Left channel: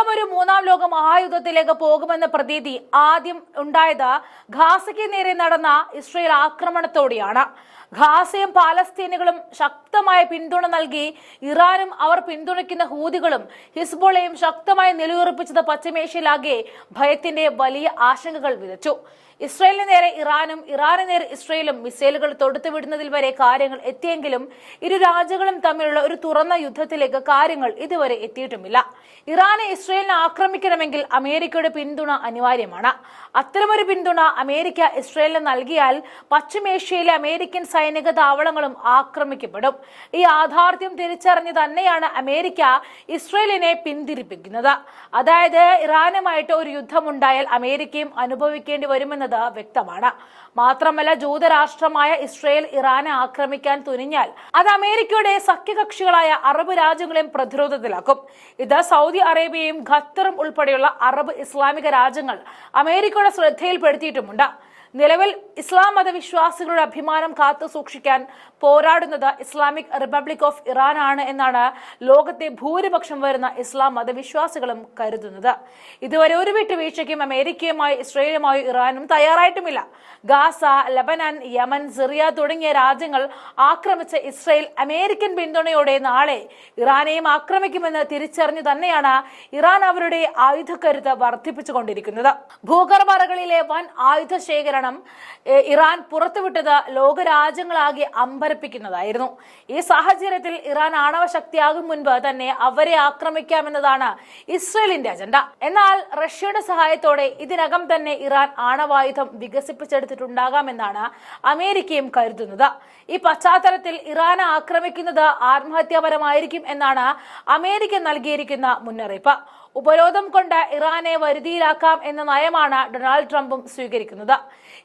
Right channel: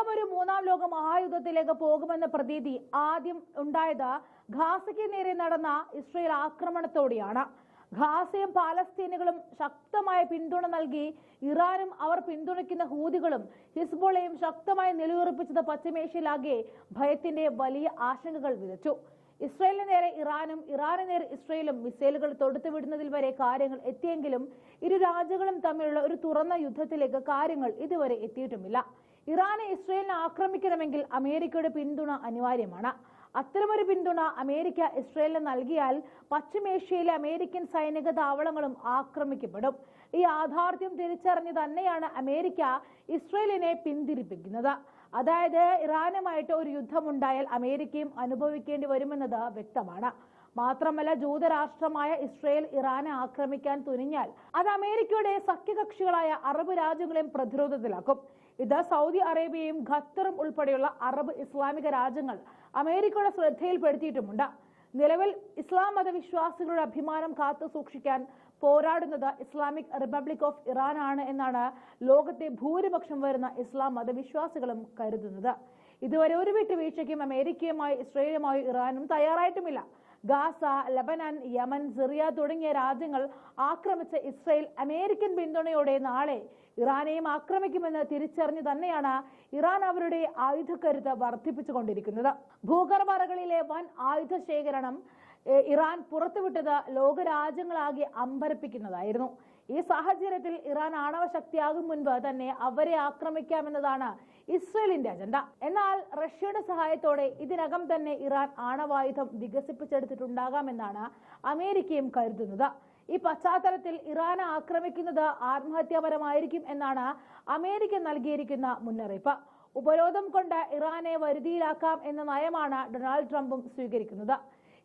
ലോകമൊരു മൂന്നാം ലോക മഹായുദ്ധത്തിലേക്ക് പോകുമെന്ന പ്രതീതി ആദ്യം ഉണ്ടായത് ഗാസയ്ക്ക് നേരെ നടന്ന ഇസ്രയേൽ ആക്രമണത്തോടെയാണ്. ഗാസയും പാലസ്തീനുകളും ശക്തമായ പിന്തുണ നൽകി ഇറാനും അവർ പിന്തുണയ്ക്കുന്ന ഹൂതികളും ഹിസ്ബുള്ളയും ശക്തമായി നിലയുറപ്പിച്ചത് പശ്ചിമേഷ്യയിലാകെ ഭയത്തിന്റെ വലിയ ആശങ്കകൾ വിതച്ചു. ഇസ്രയേലിന് നേരെ ഇറാനും ഇറാന് നേരെ ഇസ്രയേലും മിസൈലുകൾ തൊടുത്തുവിടുന്നതിൽ വരെ കാര്യങ്ങൾ എത്തിയെങ്കിലും ഇരു രാജ്യങ്ങളും തമ്മിലുള്ള ഒരു തുറന്ന യുദ്ധത്തിലേക്ക് കാര്യങ്ങൾ ഇതുവരെ എത്തിയിട്ടുമില്ല. ഇറാനെ ഇസ്രയേലിനെ ആക്രമിക്കണമെങ്കിൽ അമേരിക്കയുടെ പിന്തുണ അനിവാര്യമാണ്. അത്തരമൊരു പിന്തുണ അമേരിക്ക ഇസ്രയേലിന് നൽകിയാൽ പശ്ചിമേഷ്യയിലെ അമേരിക്കൻ സൈനിക താവളങ്ങളും ആക്രമിക്കപ്പെടും. ഈ യാഥാർത്ഥ്യം തിരിച്ചറിഞ്ഞ് തന്നെയാണ് അമേരിക്ക ഇസ്രയേലിനെ പിന്തിരിപ്പിക്കുന്നത്. അതായത് ഇറാനുമായിട്ട് ഒരു യുദ്ധമുണ്ടായാൽ അമേരിക്കയും അനുഭവിക്കേണ്ടി വരുമെന്നത് വ്യക്തമാണ്. മാത്രമല്ല, ജൂതരാഷ്ട്രമായ ഇസ്രയേൽ ഇറാനെ ആക്രമിക്കാൻ തുനിഞ്ഞാൽ അത് അമേരിക്കയുടെ സഖ്യകക്ഷികളായ അറബ് രാജ്യങ്ങളെയും പ്രതിരോധത്തിലാക്കും. ഇത് സൗദി അറേബ്യയും ഖത്തറും ഉൾപ്പെടെയുള്ള അറബ് ഇസ്ലാമിക രാജ്യങ്ങൾ അമേരിക്കയുടെ ശ്രദ്ധയിൽപ്പെടുത്തിയിട്ടുമുണ്ട്. നിലവിൽ ഇസ്ലാം മതവിശ്വാസികളുടെ അഭിമാനം കാത്തു സൂക്ഷിക്കാൻ പോരാടുന്നത് ഇസ്ലാമിക് റിപ്പബ്ലിക് ഓഫ് ഇറാൻ ആണ് എന്നാണ് ലോകത്തെ ഭൂരിപക്ഷം വരുന്ന ഇസ്ലാം മതവിശ്വാസികളും കരുതുന്നത്. ഇതുവരെ ഒരു വിട്ടുവീഴ്ചയ്ക്കും അമേരിക്കയുമായി ഇസ്രയേലുമായി ഇറാനും തയ്യാറായിട്ടുമില്ല. ഗാസ, ലബനാൻ, യമൻ, സിറിയ തുടങ്ങിയ രാജ്യങ്ങൾ ആക്രമിച്ച ഇസ്രയേൽ അമേരിക്കൻ പിന്തുണയോടെ നാളെ ഇറാനെയും ആക്രമിക്കുമെന്ന് തിരിച്ചറിഞ്ഞു തന്നെയാണ് ഇറാൻ അവരുടെ ആയുധക്കരുത്ത് വർദ്ധിപ്പിച്ചുകൊണ്ടിരിക്കുന്നത്. ഭൂഗർഭറകളിലെ വൻ ആയുധ ശേഖരണം ഇറാൻ പുറത്തുവിട്ടത് ലോകരാജ്യങ്ങളാകെ അമ്പരപ്പിക്കുന്നതായിരുന്നു. ഈ സാഹചര്യത്തിൽ ഇറാൻ ആണവ ശക്തിയാകും മുൻപ് തന്നെ അവരെ ആക്രമിക്കാമെന്നതാണ് ഇസ്രയേലിന്റെ അജണ്ട. എന്നാൽ റഷ്യയുടെ സഹായത്തോടെ ഇതിനകം തന്നെ ഇറാൻ ആണവായുധം വികസിപ്പിച്ചെടുത്തിട്ടുണ്ടാകാമെന്നാണ് അമേരിക്കയും കരുതുന്നത്. ഈ പശ്ചാത്തലത്തിൽ ഇറാനെ ആക്രമിക്കുന്നത് ആത്മഹത്യാപരമായിരിക്കും എന്നാണ് അമേരിക്ക നൽകിയിരിക്കുന്ന മുന്നറിയിപ്പ്. ഉപരോധം കൊണ്ട് ഇറാനെ വരുതിയിലാക്കാം എന്ന നയമാണ് ഡൊണാൾഡ് ട്രംപും സ്വീകരിക്കുന്നത്.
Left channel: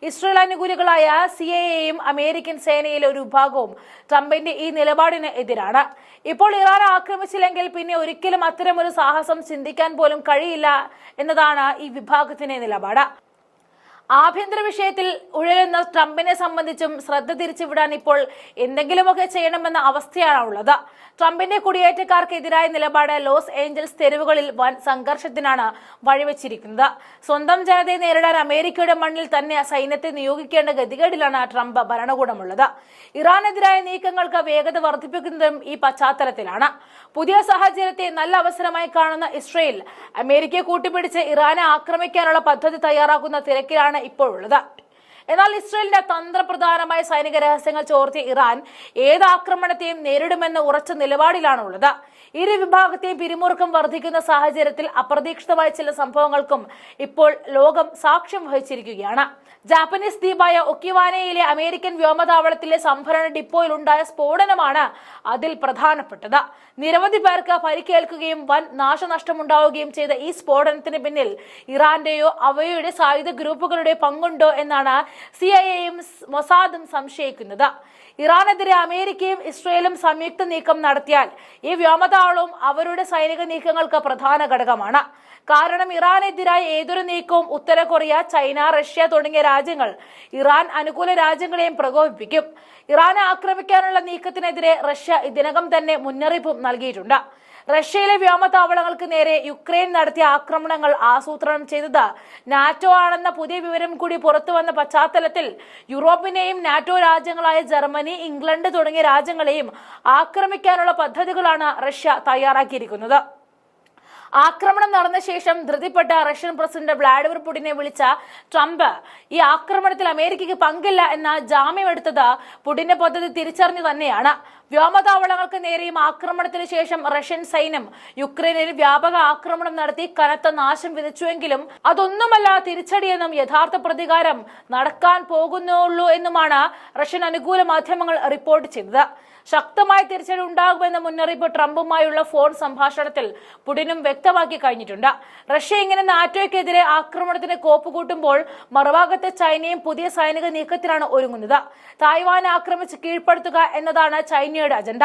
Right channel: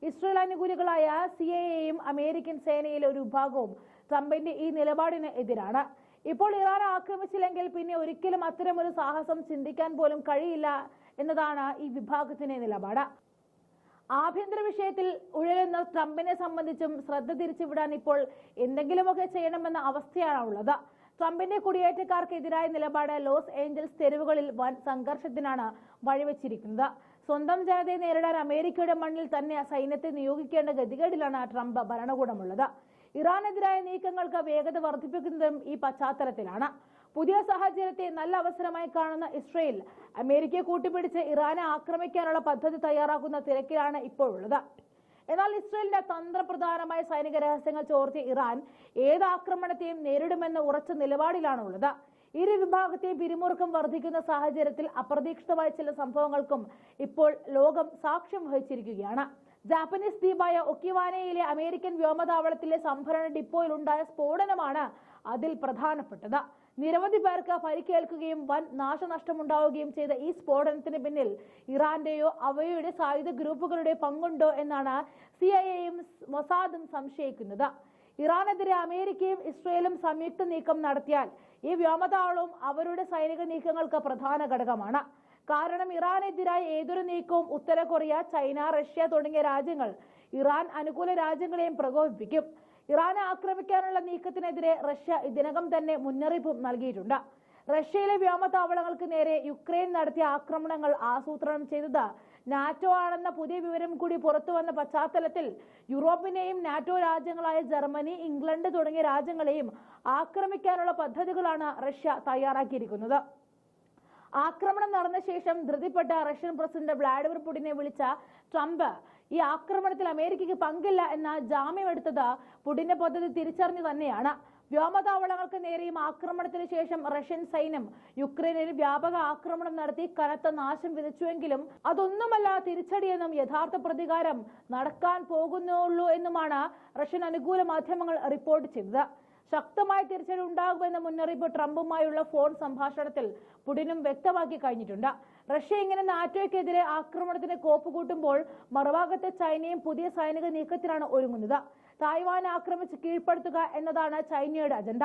ഇസ്രയേൽ അനുകൂലികളായ CIA-യും അമേരിക്കൻ സേനയിലെ ഒരു വിഭാഗവും ട്രംപിന്റെ ഈ നിലപാടിന് എതിരാണ്. ഇപ്പോൾ ഇറാൻ ആക്രമിച്ചില്ലെങ്കിൽ പിന്നെ ഒരിക്കലും അത്തരമൊരു സാഹസം ചിന്തിക്കാൻ പോലും കഴിയില്ല എന്നതാണ് ഈ വിഭാഗത്തിന്റെ നിലപാട്. ആഭ്യന്തര വിഷയത്തിൽ ഉഴലുന്ന ട്രംപിനെ സംബന്ധിച്ചും ശ്രദ്ധ തിരിച്ചുവിടാൻ ഇപ്പോൾ എന്തെങ്കിലുമൊക്കെ ചെയ്യണമെന്ന അവസ്ഥയാണ് ഉള്ളത്. ട്രംപിന്റെ കുടിയേറ്റക്കാർക്കെതിരായ നിലപാട് ലോസ് ഏഞ്ചൽസ് തെരുവുകളിൽ വൻ സംഘർഷത്തിനാണ് വഴിവെച്ചിരിക്കുന്നത്. സ്വന്തം ജനതയെ നേരിടാൻ അമേരിക്കയുടെ മണ്ണിൽ തന്നെ സൈന്യത്തെ നിയോഗിക്കേണ്ട ഗതികേടിലാണ് ട്രംപ് ഭരണകൂടമുള്ളത്. ഇറാനെതിരായ നീക്കങ്ങൾക്ക് വേഗത വർദ്ധിപ്പിക്കുന്നതും ഈ പശ്ചാത്തലത്തിലാണ്. പുതിയ സാഹചര്യത്തെ നല്ല അവസരമായി കാണുന്ന ഇസ്രയേൽ അമേരിക്കയെ കൂട്ടിപ്പിടിച്ച് ഇറാനെ ആക്രമിക്കാനുള്ള പദ്ധതി തയ്യാറാക്കുന്ന തിരക്കിലാണ് ഇപ്പോഴുള്ളത്. എന്നാൽ ഇസ്രയേലിന്റെ തന്ത്രപ്രധാനമായ സൈനിക രഹസ്യങ്ങൾ ചോർത്തിയ ഇറാൻ ഏത് ആക്രമണത്തെയും നേരിടുമെന്ന ഉറച്ച നിലപാടിലാണുള്ളത്. ഇരു വിഭാഗത്തെയും പിരിമുറുക്കം വർദ്ധിക്കുന്ന സാഹചര്യത്തിൽ അപ്രതീക്ഷിതമായ ചില സംഭവങ്ങൾക്കും ഇപ്പോൾ ലോകം സാക്ഷ്യം വഹിച്ചിരിക്കുകയാണ്. ജാപ്പനീസ് ദ്വീപായ ഒക്കിവാനയിലെ അമേരിക്കൻ വ്യോമതാവളത്തിലെ സംഭരണ ഡിപ്പോയിൽ ഉണ്ടായ സ്ഫോടനമാണ് അതിൽ പ്രധാനപ്പെട്ടത്. നിരവധി പേർക്ക് പരിക്കേൽക്കുകയും വൻ നാശനഷ്ടമുണ്ടാവുകയും ചെയ്ത ഈ സ്ഫോടനത്തിന് പിന്നിൽ ഇറാന്റെയോ അവയുടെ സായുധ ഗ്രൂപ്പുകളുടെ പങ്കുണ്ടോ എന്നാണ് CIA-യും മൊസാദും സംശയിക്കുന്നത്. ഇറാനെതിരെ അമേരിക്കയും ഇസ്രയേലും സംയുക്ത നീക്കം നടത്തിയാൽ ഈ വ്യോമതാവളവും അവരുടെ സൈനിക നീക്കങ്ങൾക്ക് പ്രധാന ഘടകമാണ്. കാരണം ഇറാനെതിരായ ഏതൊരു നീക്കവും ഉത്തര കൊറിയ, ചൈന, റഷ്യ തുടങ്ങിയ രാജ്യങ്ങൾ ഇറാൻ അനുകൂല രാജ്യങ്ങളെയും പ്രകോപിപ്പിക്കും. ഇറാനെ ആക്രമിക്കാനുള്ള നീക്കത്തിനെതിരെ റഷ്യ ഇതിനകം തന്നെ മുന്നറിയിപ്പും നൽകിയിട്ടുണ്ട്. റഷ്യയിലെ വ്യോമതാവളങ്ങൾക്ക് നേരെ യുക്രൈൻ നടത്തിയ ആക്രമണങ്ങൾ ആസൂത്രണം ചെയ്തത് നാറ്റോ ആണെന്ന പുതിയ വിവരം കൂടി പുറത്തുവന്ന പശ്ചാത്തലത്തിൽ യൂറോപ്പിനെയും നാറ്റോ രാജ്യങ്ങളായ ജർമ്മനി, ഇംഗ്ലണ്ട് തുടങ്ങിയ രാജ്യങ്ങളെയും ആക്രമിക്കാനുള്ള പദ്ധതികളാണ് റഷ്യ തയ്യാറാക്കിയിരിക്കുന്നത്. ആക്രമണം നടന്ന ശേഷം ധൃതിപ്പെട്ട റഷ്യൻ പ്രസിഡന്റ് വ്ളാഡിമിർ പുടിനെ വിളിച്ച ട്രംപ് ഈ ആക്രമണത്തിൽ അമേരിക്കയ്ക്ക് പങ്കില്ല എന്ന ജാമ്യമെടുത്തത് പുടിന്റെ പദ്ധതി തിരിച്ചറിഞ്ഞു തന്നെയാണ്. വ്യോമതാവളങ്ങൾക്ക് നേരെയും ആക്രമണത്തിന് ശേഷം റഷ്യൻ സൈന്യം യുക്രൈനിൽ വ്യാപക ആക്രമണം നടത്തി കനത്ത നാശം വിതച്ചുവെങ്കിലും അതൊന്നുമല്ല തിരിച്ചടിയെന്നും യഥാർത്ഥ പ്രതികാരം നടക്കാൻ പോകുന്നുള്ളൂ എന്നുമാണ് റഷ്യൻ അനുകൂല മാധ്യമങ്ങൾ റിപ്പോർട്ട് ചെയ്തത്. ശക്തമായ തിരിച്ചടി ഉണ്ടാകുമെന്ന മുന്നറിയിപ്പ് ട്രംപുമായുള്ള ഫോൺ സംഭാഷണത്തിൽ പുടിനും വ്യക്തമാക്കി കഴിഞ്ഞിട്ടുണ്ട്. റഷ്യ ഇങ്ങനെ നാറ്റോയ്ക്കെതിരെ ആക്രമണത്തിന് കോപ്പുകൂട്ടുമ്പോൾ മറുഭാഗത്തെ ചൈനയും പുതിയ സൈനിക നീക്കത്തിലാണ് ഒരുങ്ങുന്നത്. തായ്വാനെ ആക്രമിച്ച് കീഴ്പ്പെടുത്തുക എന്നതാണ് ചൈനയുടെ അജണ്ട.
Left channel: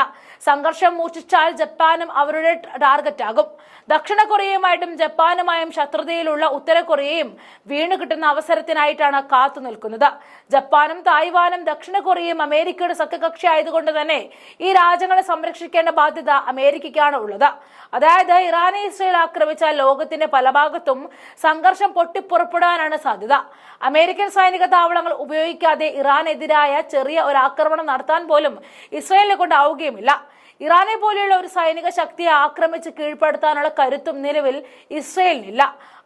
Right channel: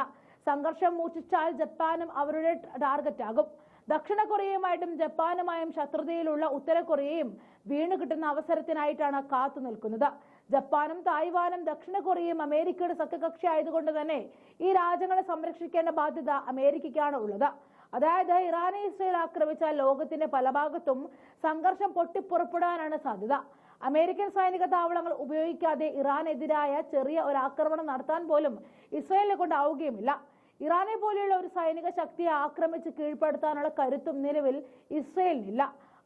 സംഘർഷം മൂർച്ഛിച്ചാൽ ജപ്പാനും അവരുടെ ടാർഗറ്റാകും. ദക്ഷിണ കൊറിയയുമായിട്ടും ജപ്പാനുമായും ശത്രുതയിലുള്ള ഉത്തര കൊറിയയും വീണു കിട്ടുന്ന അവസരത്തിനായിട്ടാണ് കാത്തു നിൽക്കുന്നത്. ജപ്പാനും തായ്വാനും ദക്ഷിണ കൊറിയയും അമേരിക്കയുടെ സഖ്യകക്ഷി ആയതുകൊണ്ട് തന്നെ ഈ രാജ്യങ്ങളെ സംരക്ഷിക്കേണ്ട ബാധ്യത അമേരിക്കയ്ക്കാണ് ഉള്ളത്. അതായത് ഇറാനെ ഇസ്രയേൽ ആക്രമിച്ചാൽ ലോകത്തിന്റെ പല ഭാഗത്തും സംഘർഷം പൊട്ടിപ്പുറപ്പെടാനാണ് സാധ്യത. അമേരിക്കൻ സൈനിക താവളങ്ങൾ ഉപയോഗിക്കാതെ ഇറാനെതിരായ ചെറിയ ഒരു ആക്രമണം നടത്താൻ പോലും ഇസ്രയേലിനെ കൊണ്ടാവുകയുമില്ല. ഇറാനെ പോലെയുള്ള ഒരു സൈനിക ശക്തിയെ ആക്രമിച്ച് കീഴ്പ്പെടുത്താനുള്ള കരുത്തും നിലവിൽ ഇസ്രയേലിനില്ല.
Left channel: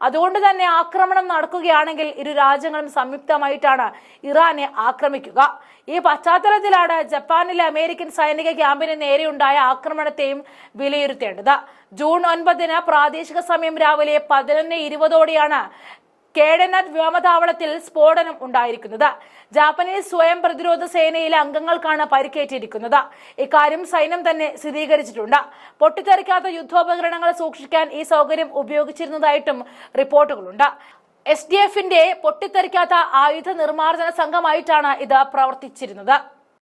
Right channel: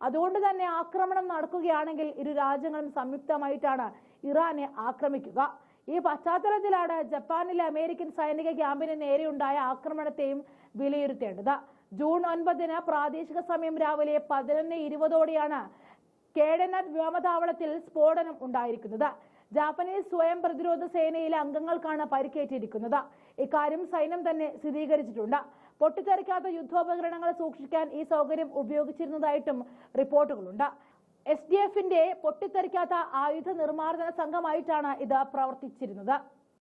അതുകൊണ്ട് തന്നെ ആക്രമണം നടക്കുകയാണെങ്കിൽ ഇരു രാജ്യങ്ങളും സംയുക്തമായിട്ടാണ് ഇറാനെ ആക്രമിക്കുക. ഈ പശ്ചാത്തലത്തിലാണ് ജപ്പാനിലെ അമേരിക്കൻ സൈനിക ക്യാമ്പിന് നേരെയുണ്ടായ ആക്രമണത്തെയും വിലയിരുത്തേണ്ടത്. ജൂൺ 9 പ്രാദേശിക സമയം രാവിലെ 11:20 കേഡനറ്റ് വ്യോമതാവളത്തിൽ സ്ഫോടനം ഉണ്ടായിരിക്കുന്നത്. ജാപ്പനീസ് സ്വയം പ്രതിരോധ സേനയിലെ അംഗങ്ങൾക്കാണ് പരിക്കേറ്റിരിക്കുന്നത്. ഇക്കാര്യം സൈന്യം തന്നെ സ്ഥിരീകരിച്ചിട്ടുണ്ട്. പൊട്ടിത്തെറിക്കാത്ത യുദ്ധോപകരണങ്ങൾ സൂക്ഷിക്കാൻ ഈ സൗകര്യം ഉപയോഗിച്ചിരുന്നതായിട്ടും റിപ്പോർട്ടുകളുണ്ട്. SDFന്റെ പൊട്ടിത്തെറിക്കാത്ത ആയുധ നിർമ്മാർജ്ജന സംഘമായിട്ടാണ് ഇത് പ്രവർത്തിച്ചിരുന്നത്.